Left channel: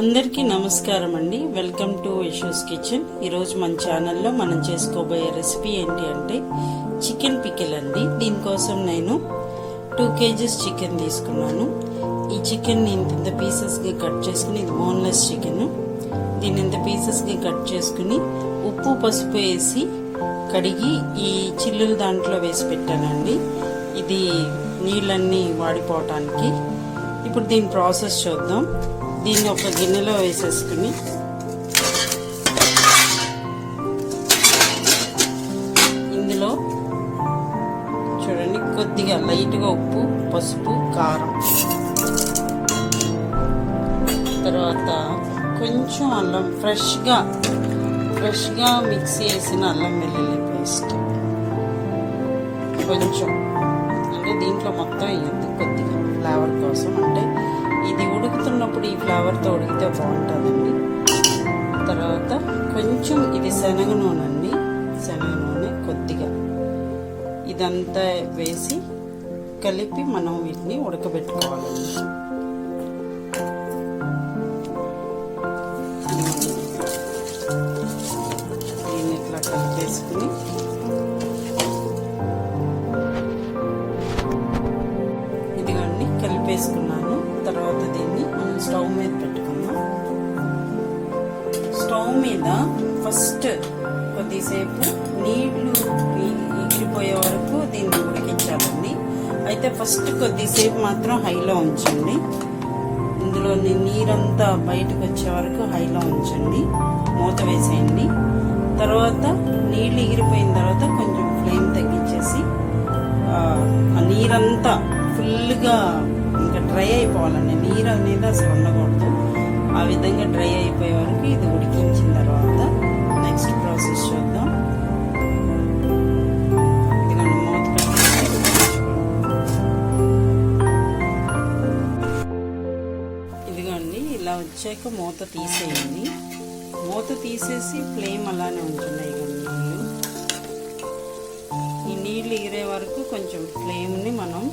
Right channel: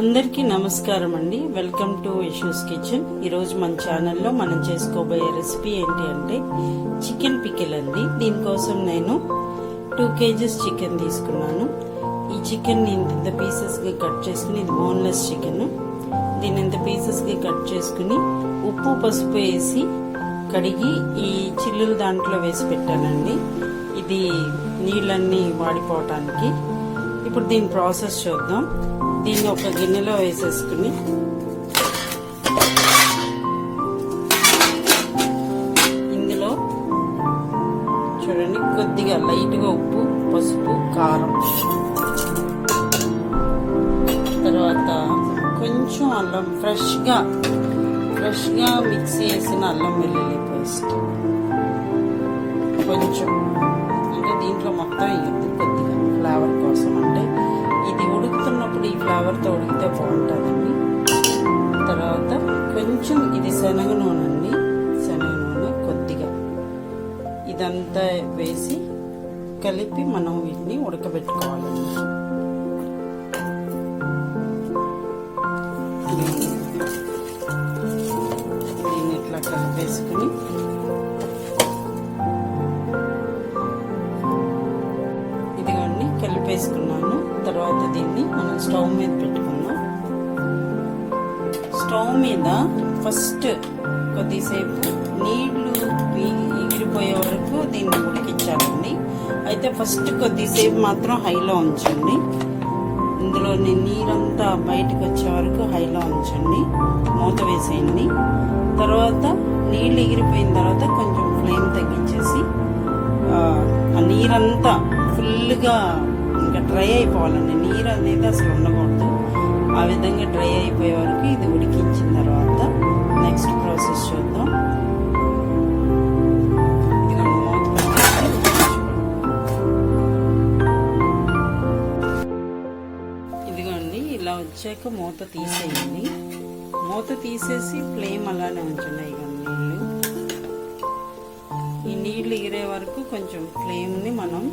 అందరికీ నమస్కారం అండి. వెల్కమ్ టు ఇష్యూస్ కిచెన్ ఈరోజు మన ఛానల్లో మనం చేసుకోబోయే రెసిపీ ఏంటి అంటే చికెన్ పికిల్ అండి. దీనికోసం నేను టూ కేజీస్ చికెన్ తీసుకున్నాను. ఈ చికెన్ నేను ఇంత పీసెస్గా కట్ చేసుకుని ఇది బోన్లెస్ చికెన్. దీన్ని ఇంత పీసెస్గా కట్ చేసుకుని ఉప్పు పసుపు వేసి కడిగి ఈ చిల్లులు దాంట్లో వేసి పెట్టానండి. ఇది నీళ్ళన్నీ వాడిపోవటానికి. ఇప్పుడు దీని ప్రాసెస్ చూద్దాం. దీన్ని ఒక గిన్నెలో వేసేసుకుని ఇందులో చూడండి కొద్దిగా లైట్గా ఉప్పు పసుపు కారం. తర్వాత కొంచెం అల్లం ఫ్రెష్గా ఫ్రెష్గా మిక్స్ చేసిన అల్లం వెల్లుల్లి పేస్ట్. కొంచెం. అంటే దీంట్లో మొత్తం వేయద్దు కొద్దిగా. ఫ్లేవర్ కోసం అంటే ఇది ఉడుకుతున్నప్పుడు ఈ ఫ్లేవర్తో ఉడికితే బాగుంటుందండి. తర్వాత కొంచెం ఇది శనగ నూనె అండి. శనగ నూనె కొద్దిగా. ఇదంతా వేసి కలిపి మనం వీటిని ఉడకబెట్టుకోవాలండి. దీన్ని ఇట్లా కలిపేసుకుని వేసుకున్నాను. తర్వాత దీన్ని మనం స్టవ్ మీద పెట్టుకుందాం. స్టవ్ మీద ఫస్ట్ కొద్దిసేపు నీళ్ళు ఎగిరిపోయే వరకు దీన్ని ఉడికించాలండి. అయితే ఫస్ట్ కొద్దిసేపు మాత్రం హైలో ఉంచండి. ఇందులో నీరంతా బయటకు వచ్చే వరకు హైలో ఉంచండి. మూత వేసేయండి. తర్వాత నీళ్ళు ఎగిరిపోయిన తర్వాత కొంచెం ఫ్లేమ్ తగ్గించేసి ఆ నీరంతా ఫుల్గా డ్రై అయిపోవాలండి. నీరు అనేది అసలు ఉండకూడదు. ఆ విధంగా డ్రై అయిపోయే వరకు ఇది ఉడికించిన తర్వాత నెక్స్ట్ ప్రాసెస్ చూద్దాం. ఇదిగోండి మూత పెట్టేసి ఇదిగోండి ఇలా వచ్చాక మూత తీసేయండి. మూత తీసేసి ఫ్లేమ్ అలానే ఉంచండి. ఇగోండి నీళ్ళు. ఈ నీళ్ళు ఎగిరే వరకు కొంచెం ఫ్లేమ్ని మనం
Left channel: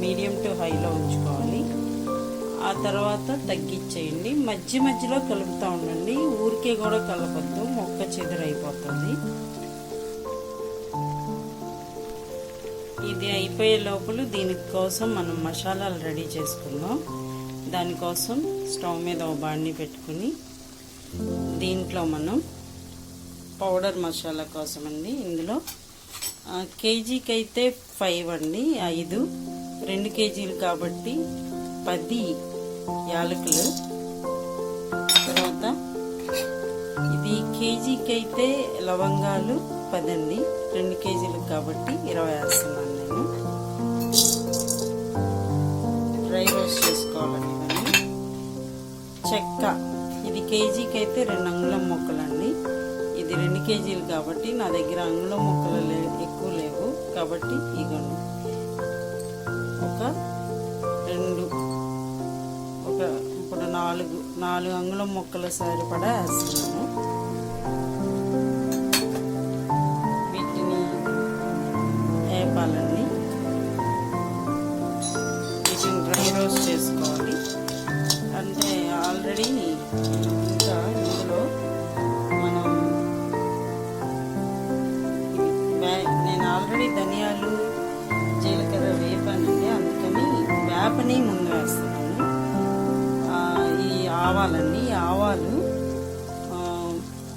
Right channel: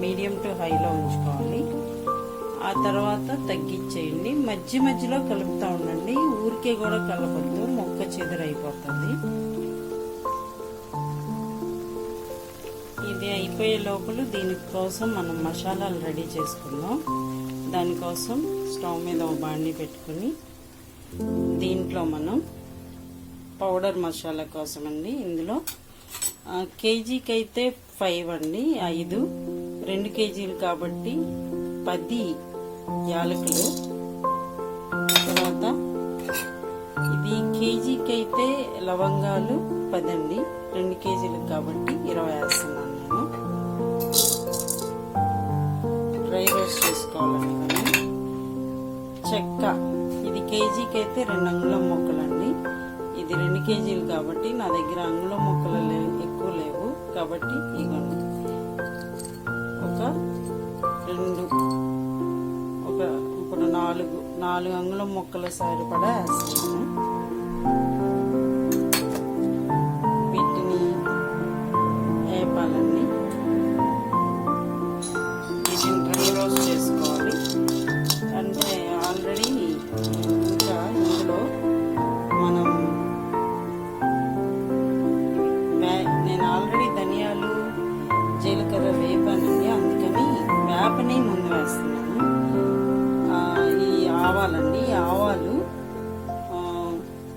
మీడియం టు హైలో ఉంచుకోవాలి. ఆ తర్వాత తగ్గించేయండి. మధ్య మధ్యలో కలుపుతూ ఉండండి. ఊరికే కూడా కలపద్దు. మొక్క చెదురైపోతుంది. ఇది అయిపోయే లోపల దీనికోసం మనం మసాలాలు రెడీ చేసుకుందాం. దానికోసం స్టవ్ మీద ఒక బాండి పెట్టుకుని దీంట్లో మనం పౌడర్ మసాలా కోసం అండి ఇందులో కేజీకి అయితే ఫైవ్ అండి. ఐదు. రెండు కేజీలు కాబట్టి పది యాలకులు. తర్వాత ఇది కేజీకి అయితే లవంగాలు పదండి. రెండు కేజీలు కాబట్టి ఇరవై వేస్తున్నాను నేను. డ్రై రోస్ట్ చేసుకోవాలండి ఇవన్నీ. చెక్క ఇది కేజీకి అయితే రెండు అంగుళం మొక్కలండి. ఇది రెండు కేజీలు కాబట్టి నా దగ్గర అంగుళం మొక్కలు లేవు ఎక్కువ లేవు కాబట్టి ఇగోండి. ఒక రెండు ఒక ఇప్పుడు నాలుగు నాలుగు అంగుళం మొక్కల సరిపడా వేస్తున్నాను. వీటిని వేపాలండి. వీటిని డ్రై రోస్ట్ చేసుకోవాలి. అంటే ఆల్రెడీ వేపని ముందు వేస్తున్నాను. ఈ ఆవాలండి ఆవాలు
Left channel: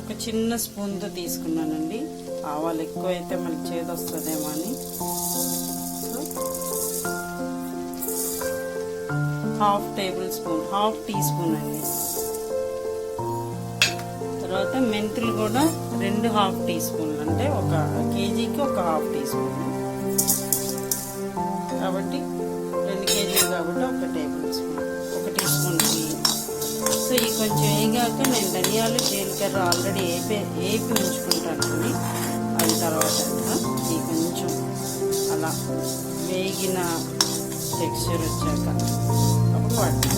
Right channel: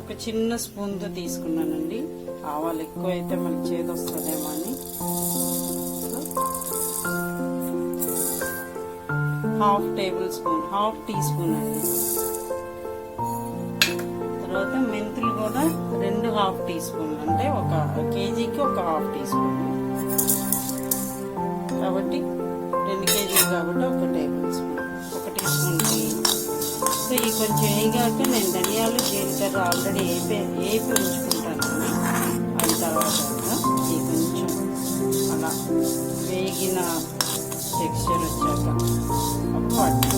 ఒక చిన్న స్పూన్తో తీసుకున్నానండి. ఆవాలు ఎక్కువ అయితే మనకి చేదు వస్తుందేమో అని. Half tablespoon half teaspoon అండి. తర్వాత మెంతులు కూడా రెండు హాఫ్ టీ స్పూన్లు అంటే ఒక కేజీకి ఒక హాఫ్ టీ స్పూన్. కాబట్టి రెండు కేజీలు కాబట్టి ఒక టేబుల్ స్పూన్ ఒక టీ స్పూన్ సో ఈ కొంచెం వేయగాక నేను ధనియాలు జీలకర్ర ఆల్రెడీ వేపి వేపి ఉంచుకుంటానండి అది తర్వాత ఈ కొంచెం అలా వేగిన టెక్స్చర్ వచ్చాక అప్పుడు వాటి.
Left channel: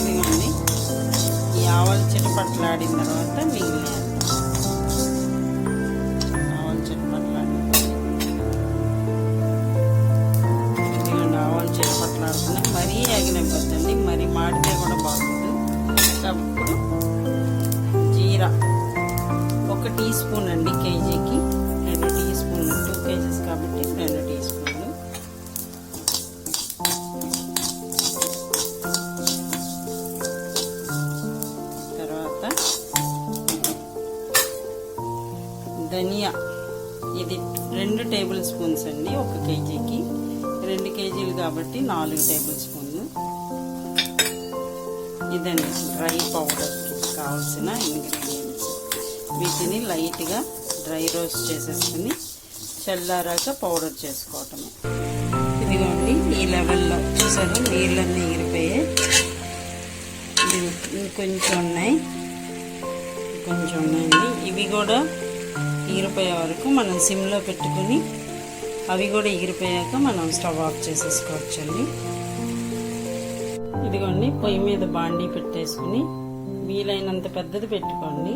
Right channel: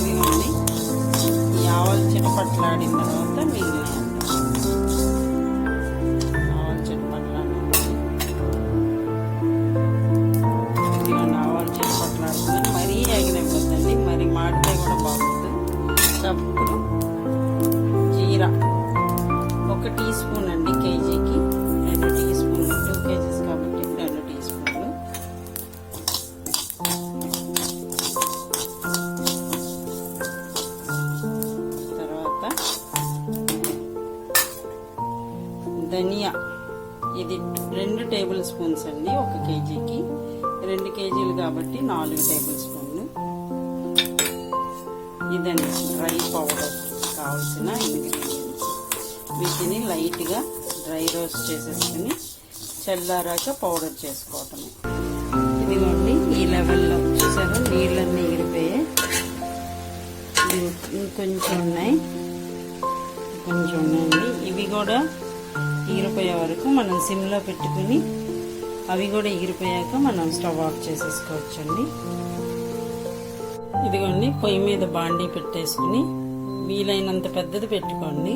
ఇదిగోండి. ఈ ఆవాలు చిటపట్లాడిన తర్వాత మిగిలిన అండి ఒక కేజీకి రెండు కేజీలు కాబట్టి నాలుగు టేబుల్ స్పూన్లు. ఇదండి డ్రై పౌడర్ కావాల్సిన ఇంగ్రీడియంట్స్. వీటిని లైట్గా డ్రై రోస్ట్ చేసేసుకుని చల్లారాక పౌడర్ చేసుకోవటమే. ఇదిగోండి ఈ లెవెల్లో చూసారు నీళ్ళన్నీ ఎగిరిపోయాయి ఇంకొంచెం ఉన్నాయి. కొంచెం ఉన్నాయండి. ఇవి కూడా ఎగిరిపోయే వరకు మనం సిమ్లో పెట్టుకుని అవి కూడా ఎగిరిపోయాక మనం స్టవ్ ఆఫ్ చేసేసుకోవచ్చండి. ఇదిగోండి పొయ్యి మీద బాండీ పెట్టేసుకుని వీలైనంత పెద్దది పెట్టుకోండి.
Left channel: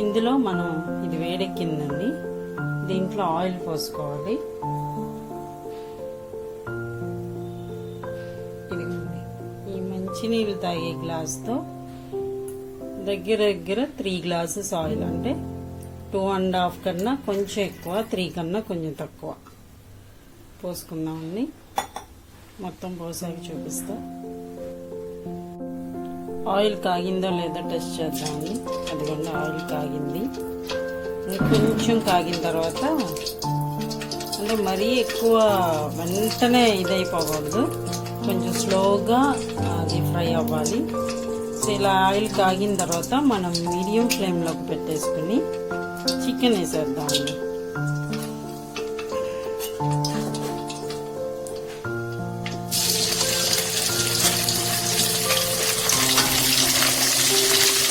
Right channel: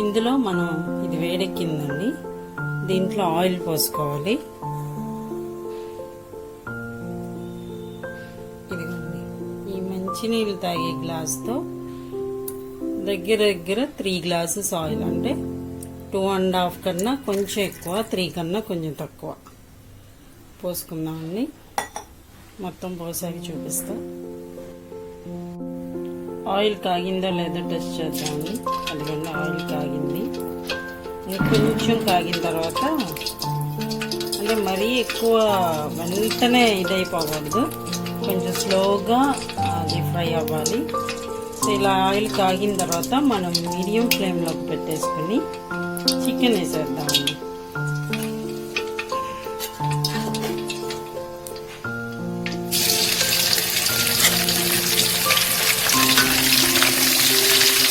ఇందులో మనం ఇది వేడెక్కిందండి. దీంట్లో ఆయిల్ పోసుకోవాలి. ఇదిగోండి ఈ మంచినీళ్ళు తాగే గ్లాస్తో దగ్గర దగ్గర త్రీ గ్లాసెస్ ఆయిల్ అంటే టూ అండ్ హాఫ్ కన్నా కొంచెం ఎక్కువ త్రీ కన్నా కొంచెం తక్కువ. పోసుకుందామండి. మొత్తం పోసాక చూపిస్తా. ఆయిల్ కాగిందో లేదో టెస్ట్ చేద్దామండి. అదిగండి ఆయిల్ కాగింది. కొంచెం కాగిన తర్వాత అంటే మరీ ఎక్కువ వెంటనే ఇదైపోకూడదు. కొంచెం స్లోగా అది ఫ్రై అవ్వాలి. సో ఇలా ఆయిల్ కాగిన తర్వాత మనం మీడియం ఫ్లేమ్లోకి పెట్టేసుకుని చికెన్ వేసేద్దాం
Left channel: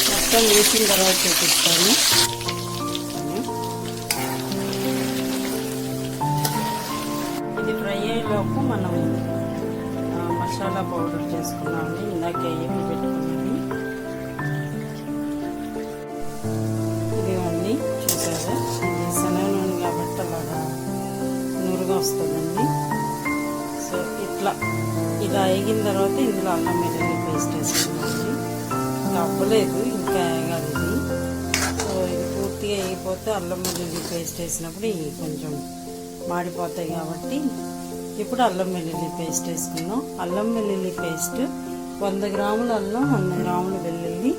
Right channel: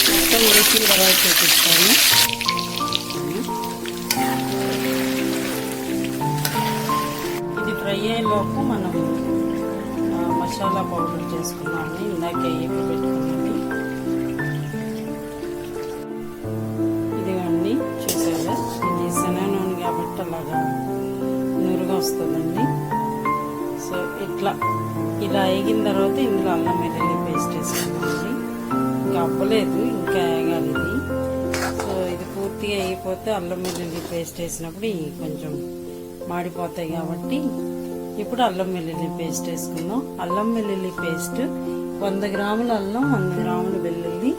మొత్తం వేసిన తర్వాత చూపిస్తాను ఇది ఫ్రై అయ్యేలోపు మనం మసాలా పౌడర్ చేసుకున్నామని ఇందాక ఏపి పెట్టుకున్నాము ఇదిగోండి అలాగా నురుగా వస్తుందండి. సో ఇట్లా ఇలా వేగిన తర్వాత ఇందులో అల్లం వెల్లుల్లి పేస్ట్ వేసుకున్నామండి ఇంకా అవ్వలేదు ఇంకా వేగాలి ఇది. సో ఇది పూర్తిగా వేగిపోతే అల్లం వెల్లుల్లి పేస్ట్ వేసినప్పుడు కొంచెం మాడిపోతాయి కాబట్టి ఇప్పుడు అల్లం వెల్లుల్లి పేస్ట్ వేసుకున్నాం అల్లం వెల్లుల్లి పేస్ట్ వంద గ్రాముల అల్లం వంద గ్రాముల వెల్లుల్లి.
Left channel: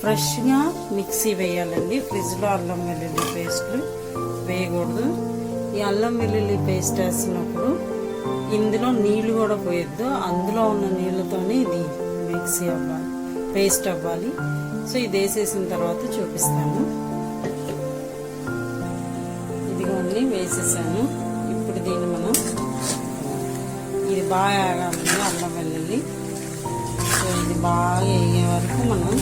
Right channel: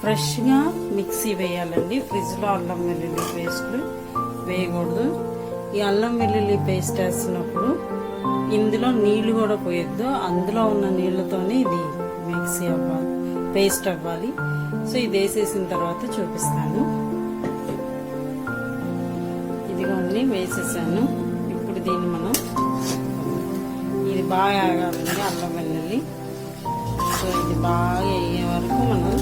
ఫ్రెష్గా మిక్సీ వేయాలండి. ఫ్రిడ్జ్లో అల్లం వెల్లుల్లి పేస్ట్లు వేయకూడదు. ఈ అల్లం వెల్లుల్లి పేస్ట్ వేసినప్పుడు ఇందులో నీళ్ళు కూడా పోయొద్దు. అందులో ఉన్న నీళ్ళతోనే ఇది మిక్సీ అవ్వాలి పేస్ట్ అవ్వాలి. సో ఇది వేసేసిన తర్వాత చూపిస్తాను. ఇదిగోండి వేసేసాను. ఇప్పుడు దీన్ని మనం ఇది బాగా ఆగాలండి అల్లం వెల్లుల్లి. సో ఇది బాగా అయ్యే వరకు మనం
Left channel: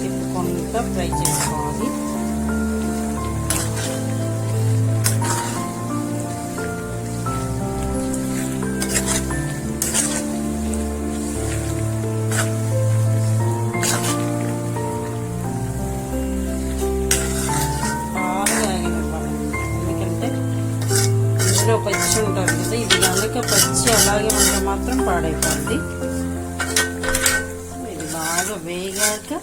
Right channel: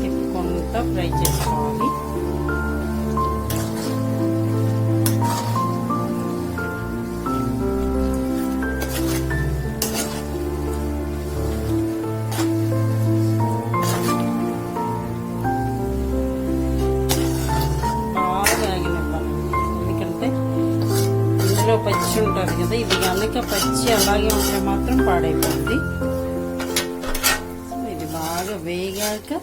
తిప్పుకుంటా ఫ్రై చేసుకోవాలి. పచ్చి ఉంటుంది కదా ఇది కనుక పచ్చి అలాగే ఉంటే మాత్రం పాడైపోద్ది. ఇది బాగా వేగాక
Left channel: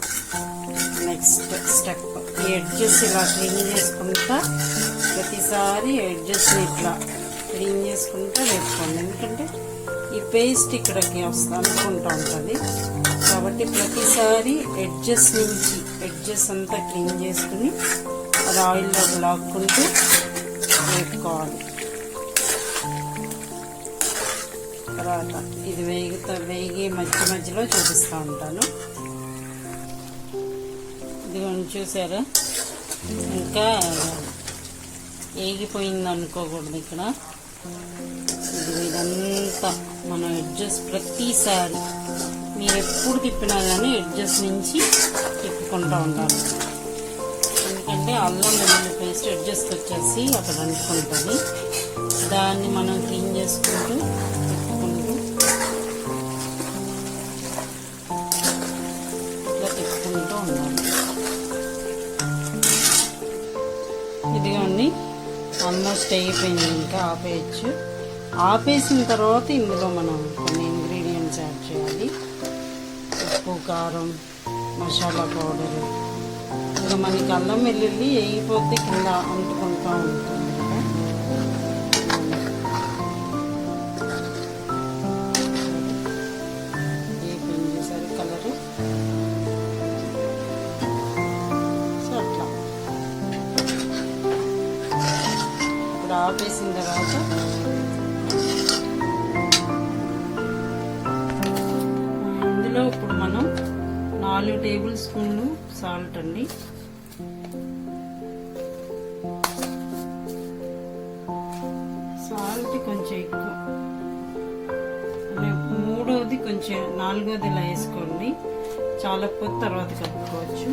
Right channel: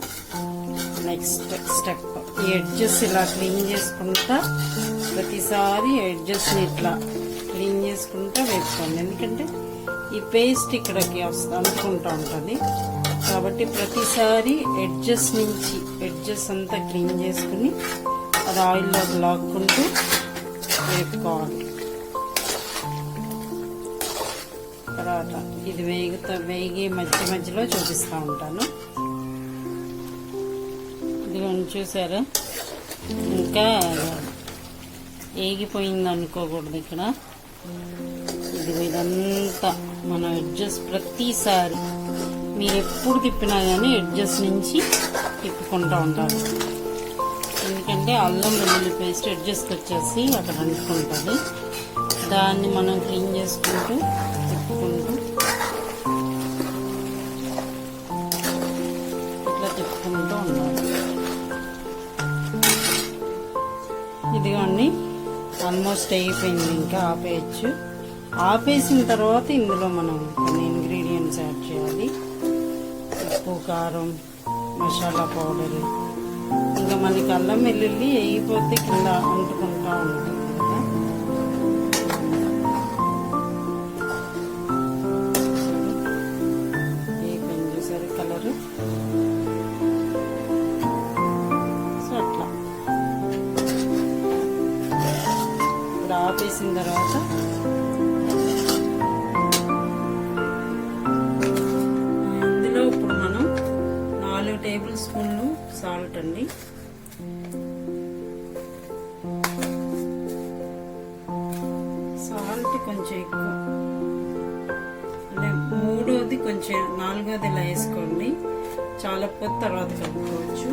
నెక్స్ట్ స్టెప్ ఎడ్జెస్ ఇలా క్లీన్ చేసుకుంటా ప్రతిసారి ఎడ్జెస్ని ఇట్లా క్లీన్ చేసుకుంటా వేసుకోండి. ఎందుకంటే ఈ పేస్ట్ ఇక్కడికి వస్తా అనుకుంటా ఉంటుంది. కాబట్టి ప్రతిసారి ఎడ్జెస్ నుంచి ఎడ్జెస్ అంతా క్లీన్ చేసుకుని అది ఆయిల్లో లాక్కుంటూ వేపుకోవాలి. తర్వాత ఇది వేగుతా వేగి మధ్య మధ్యలో చూపిస్తూ ఉంటాను. ఇదిగోండి చూసారా? ఇంకా ఏగిపోయింది అనుకోకూడదు ఇక్కడ. ఇది ఇదంతా మనం అడ్జస్ట్ ప్రతిసారి. మీరు ఎప్పుడు తిప్పినా కానీ అడ్జస్ట్ నుంచి తిప్పుకుంటూ ఉంటారు. ఎందుకంటే అల్లం వెల్లుల్లి పేస్ట్ అడ్జస్ట్ వచ్చేసి అక్కడ అంటుకుంటుంది. దాన్ని మనం క్లీన్ చేసుకుంటూ తిప్పుకుంటూ ఇదిగోండి ఆల్మోస్ట్ అయిపోయింది ఇంకా ఆపేయచ్చు. ఆపేసిన తర్వాత ఇందులో మనం కొన్ని ఇంగ్రీడియంట్స్ యాడ్ చేయాలి. ఉప్పు కారం మసాలా పౌడరు. ఇంకా మనకి అల్లం వెల్లుల్లి వేయిపోతే కింద అంటుకుంటా ఉంటుంది. కలిపేసిన ఆపేసిన తర్వాత ఇందులో ఇప్పుడు మనం నాలుగు టేబుల్ స్పూన్లు సాల్ట్ అండి. సాల్ట్ కొంచెం ఎక్కువ. అంటే మూడోది కొంచెం నాలుగోది ఇలా వేసుకోండి. చాలా పొద్దు తర్వాత కలుపుకోవచ్చు.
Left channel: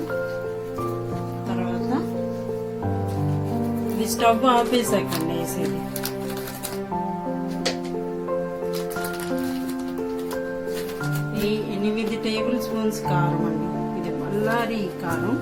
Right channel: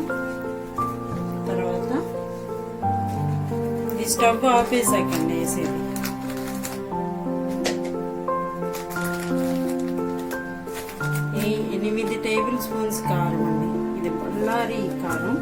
తర్వాత ఇది స్టవ్ ఆపేసాకండి వేసేది ఈ ఎనిమిది టేబుల్ స్పూన్స్ కారం అండి. ఇది బళ్ళారి కారం.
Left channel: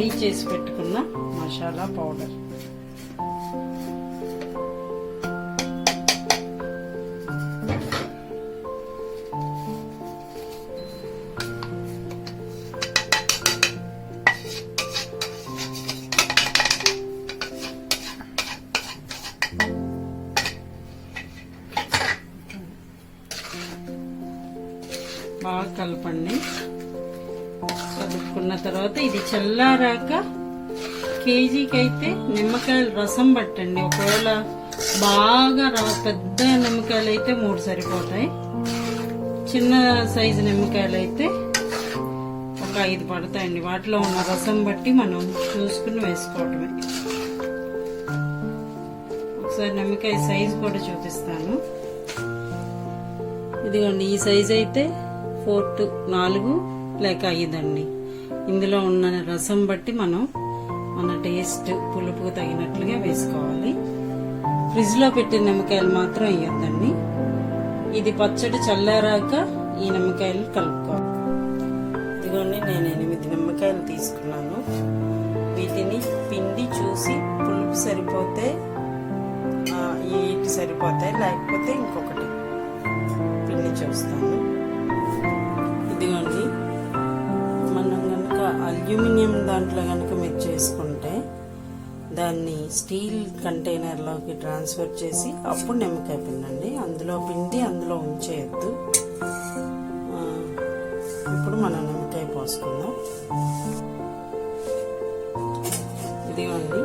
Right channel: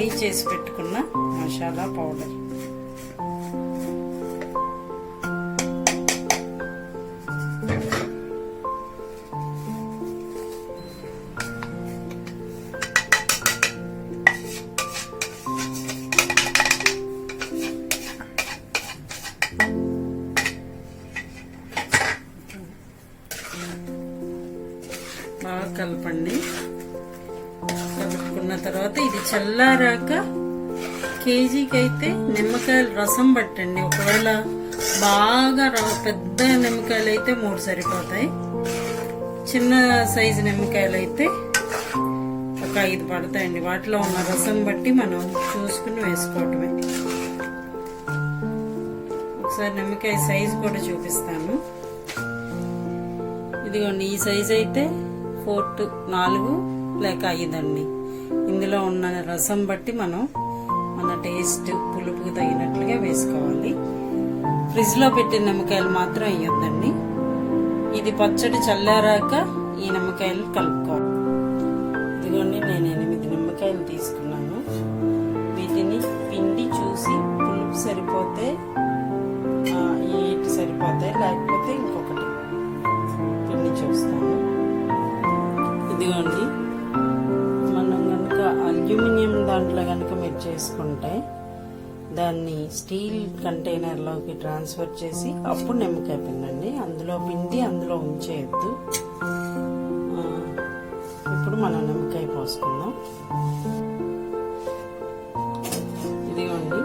రెడీ చేసి పెట్టుకున్న మసాలా పౌడర్. బాగా కలపండి. కలుపుకున్న తర్వాత ఇది చల్లారాక కేజీకి అయితే నిమ్మకాయలు రసం పట్టండి. ఒకవేళ బాగా ర- పెద్ద నిమ్మకాయలు అయితే మూడు సరిపోతాయి. చిన్న సైజు నిమ్మకాయలు అయితే ఒక ఐదు పడతాయండి. వాటిలో ఉన్న రసం బట్టి మనం చూసుకుని వేసుకోవటమే. ఒకసారి నిమ్మకాయ సైజు కూడా చూపిస్తాను. ఇదిగోండి ఈ సైజ్ అయితే ఫోర్ టు నాలుగు లేక ఐదండి. ఇందులో ఉన్న రసం బట్టి మనం మన టేస్ట్ పులుపుకు తగినట్లుగా వేసుకోవాలి. ఫ్రిడ్జ్లో పెట్టిన నిమ్మకాయలు మాత్రం వేయొద్దండి. ఇది పచ్చడి చల్లారాక ఈ నిమ్మకాయలు కలుపుకోవాలి. ఇదిగోండి నేను ఎనిమిది నిమ్మకాయలు తీసుకున్నాను. వీటిని పిండి చూసి పులుపు సరిపోతే ఇటు సరిపోతాయి లేకపోతే ఇంకొకటి పిండి చూస్తాను. ఇదిగోండి మనం కనుక అల్యూమినియం దాంట్లో కనుక మీరు చేసుకుంటే దాన్ని స్టీల్ కంటైనర్లోకి ట్రాన్స్ఫర్ చేసి అప్పుడు నిమ్మకాయ పిండండి. అందులో పిండి అందులో ఉంచేయద్దు. ఇప్పుడు మనం నిమ్మకాయ పోసుకుందాం. ఇదిగోండి.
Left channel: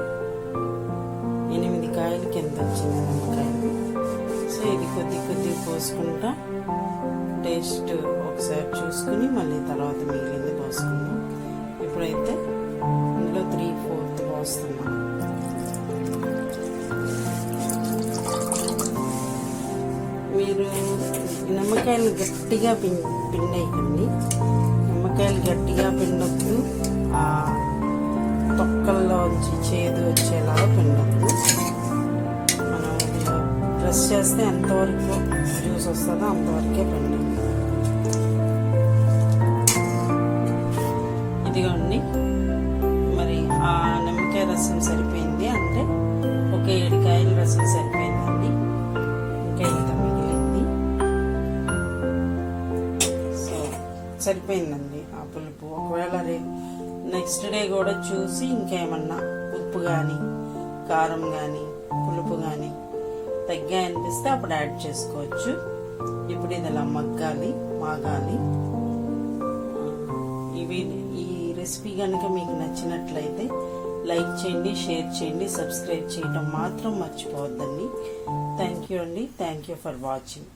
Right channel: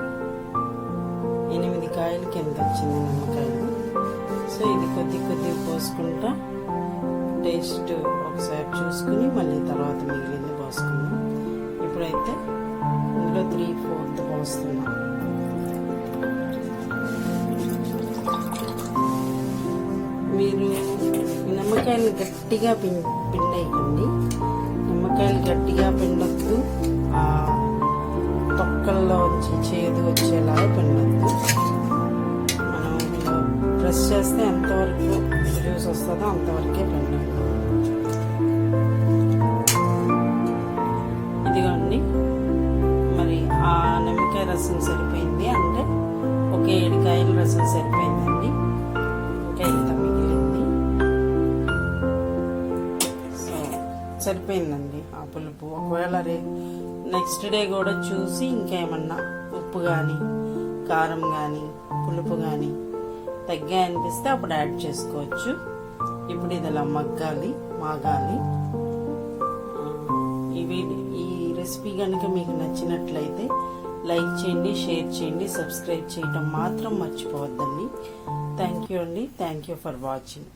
ఎనిమిది కాయలు కింద వచ్చింది నిమ్మకాయలు సో ఇది కొద్ది కొద్దిగా పోసుకుంటా. టేస్ట్ ఒకసారి చూసుకుని మళ్ళీ తర్వాత మిగిలింది పోసుకుందాం. ఇప్పుడైతే ఇందులో త్రీ ఫోర్త్ పోస్తున్నాం. మీరు నిమ్మకాయలు గట్టిగా పిం పిండేయకండి. నిమ్మకాయలు గట్టిగా పిండొద్దు. ఆ తొక్కల్లోంచి చేదు వచ్చేలాగా పిండొద్దు. మనం ఇలా ప్రెస్ చేస్తే ఎంతవరకు జ్యూస్ వస్తుందో అంతవరకే పిండండి. కొద్దిగా ఉండి మరి ఆ నిమ్మకాయ రసం సరిపోయింది. అంటే ఒక ఏడు కాయల రసం సరిపోయిందండి. ఇంకా ఇంత మిగిలింది. సో సరిపోయిందండి ఆ పులుపు. ఒకవేళ రే నెక్స్ట్ డే కూడా చూసి ఇంకేమన్నా ఉప్పు కానీ కారం కానీ పులుపు కానీ తగ్గా అనిపిస్తే అప్పుడు యాడ్ చేసుకోవచ్చు. ఇప్పుడు ఇది ఇలా మగ్గాలి మాగాలి. ఇవి ఈ రెసిపీ కనుక మీకు నచ్చినట్లయితే లైక్ చేయండి షేర్ చేయండి సబ్స్క్రైబ్ చేయడం మాత్రం మర్చిపోవద్దండి. థ్యాంక్ యూ అండి. Thank you for watching.